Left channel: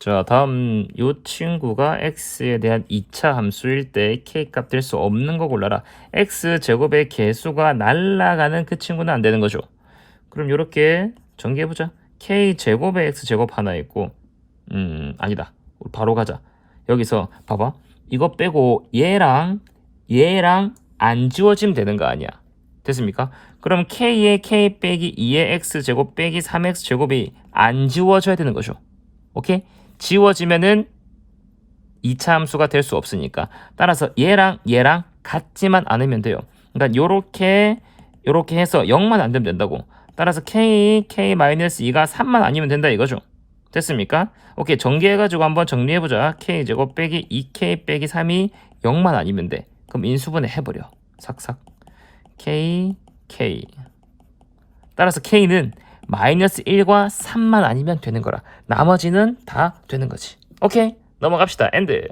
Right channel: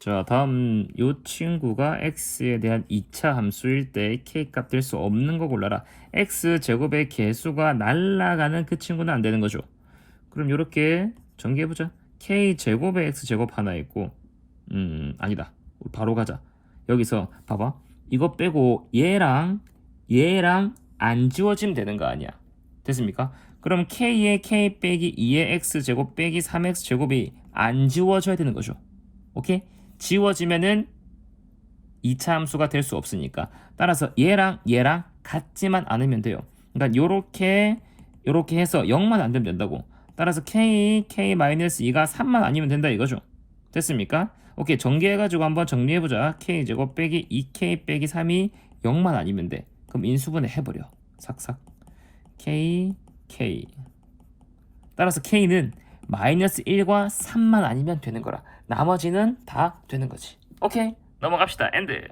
자, 다음 요 친구가 x에 대한 2차 함수일 때 k 값 될 수 없는 거 골라라. x 제곱의 개수가 날라가는 그 친구는 안 되는 거죠. 그럼 이렇게 전개해 보자. k 제곱의 x 제곱 하나 있고 음, 아니다. 바로 가자. 여기서 봐봐. 이거 빼고 얘랑 얘랑 안 지워지면 되는 거 아니야. 됐습니까? 그럼 k의 k 빼기 2의 x 제곱 빼기 3x 제곱이 안 지워져야 되는 거죠. 오케이? 지워지면은 2차 함수가 될 수 없으니까 따라서 얘랑 얘랑 같지만 않으면 돼요. 그러니까 요렇게 요렇게 해서 0만 안 되면 된다고. 따라서 k k-2가 3만 아니면 된다 이거죠. 됐습니까? 오케이 전개해가지고 한번 정리해보자. k 제곱 빼기 2k 빼기 3이 0만 아니면 돼. 그럼 인수분해 해버려. 삭삭. k k 따라서 k는 마이너스 1과 3만 아니면 되는 거라. 나머지는 다 되는 거지. 오케이 넘어갑시다. 엔드.